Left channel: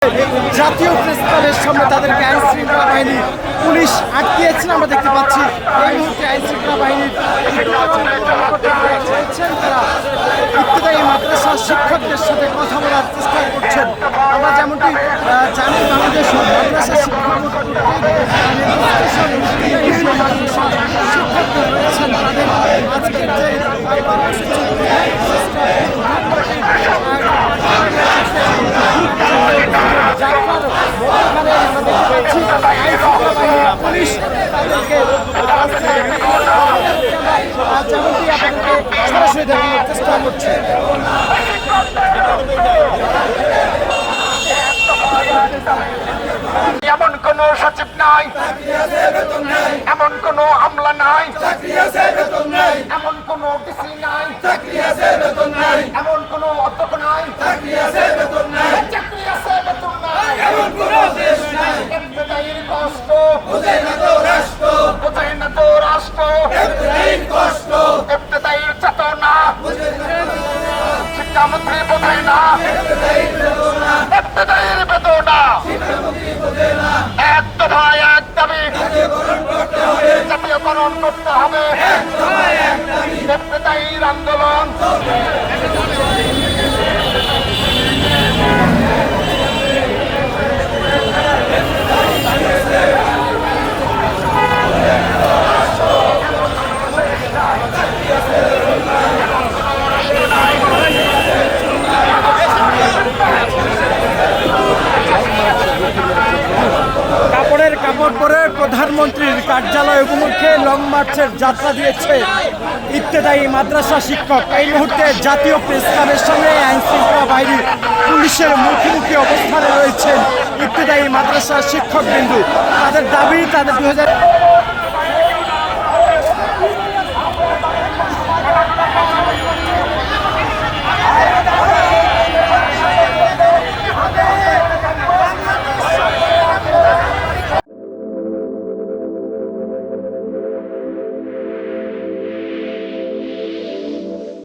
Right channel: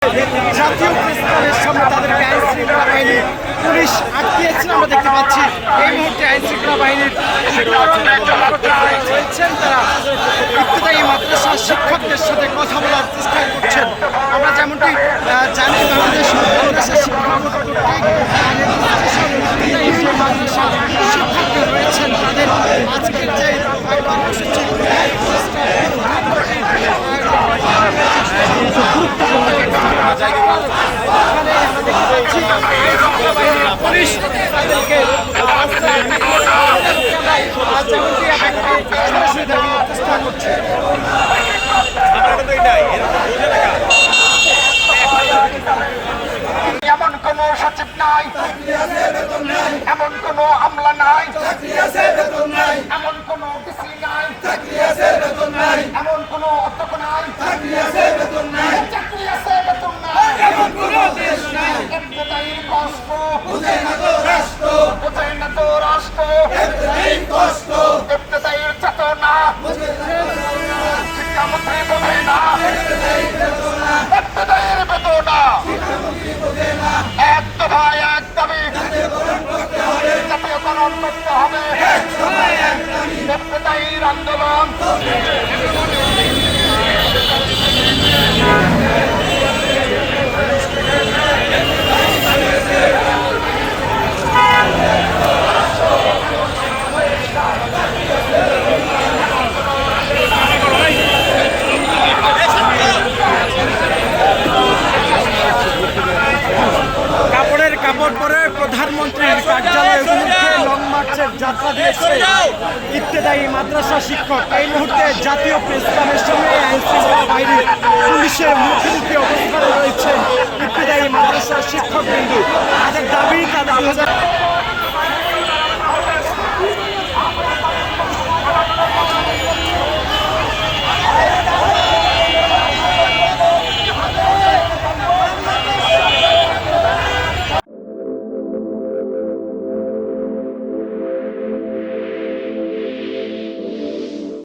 জাতীয় প্রেসক্লাবের সামনে তাদেরকে আইন শৃঙ্খলা বাহিনী পুলিশ আটকিয়েছেন আমরা দেখতে পাচ্ছি। এই মুহূর্তে আইন শৃঙ্খলা বাহিনীর রয়েছেন, তারা ইবতেদায়ী মাদ্রাসার শিক্ষকদের সাথে কথা বলার চেষ্টা করছেন। আমরা যেমনটি জানি বাংলাদেশ মাদ্রাসা শিক্ষা শিক্ষকদের রয়েছেন, তাদের আজকের যে কর্মসূচি পুলিশ তাদেরকে চেষ্টা করছে। এমন কোন সচিব নাই, এমন কোন আমলা নাই, এমন কোন ডিসি নাই, এমন কোন অধ্যক্ষ নাই, চাকরি আছে বেতন নাই, ইবতেদায়ীর কষ্ট বোঝে না তো রাষ্ট্র, ইবতেদায়ীর চেতনা শিক্ষামন্ত্রী বোঝে না, ইবতেদায়ীর বেদনা এক দফায় এক দাবি জাতীয়করণ করতে হবে। ইবতেদায়ীর আন্দোলন কাপড় পরে প্রধানমন্ত্রীর কার্যালয় অভিমুখে লং মার্চের যাত্রা দিয়েছে ইবতেদায়ী মাদ্রাসা শিক্ষক। এই মুহূর্তে জাতীয় প্রেসক্লাবের সামনে আইন শৃঙ্খলা বাহিনীর পুলিশের মুখোমুখি অবস্থানে রয়েছেন ইবতেদায়ী মাদ্রাসা শিক্ষকবৃন্দ। তাদের দাবি তাদের 2000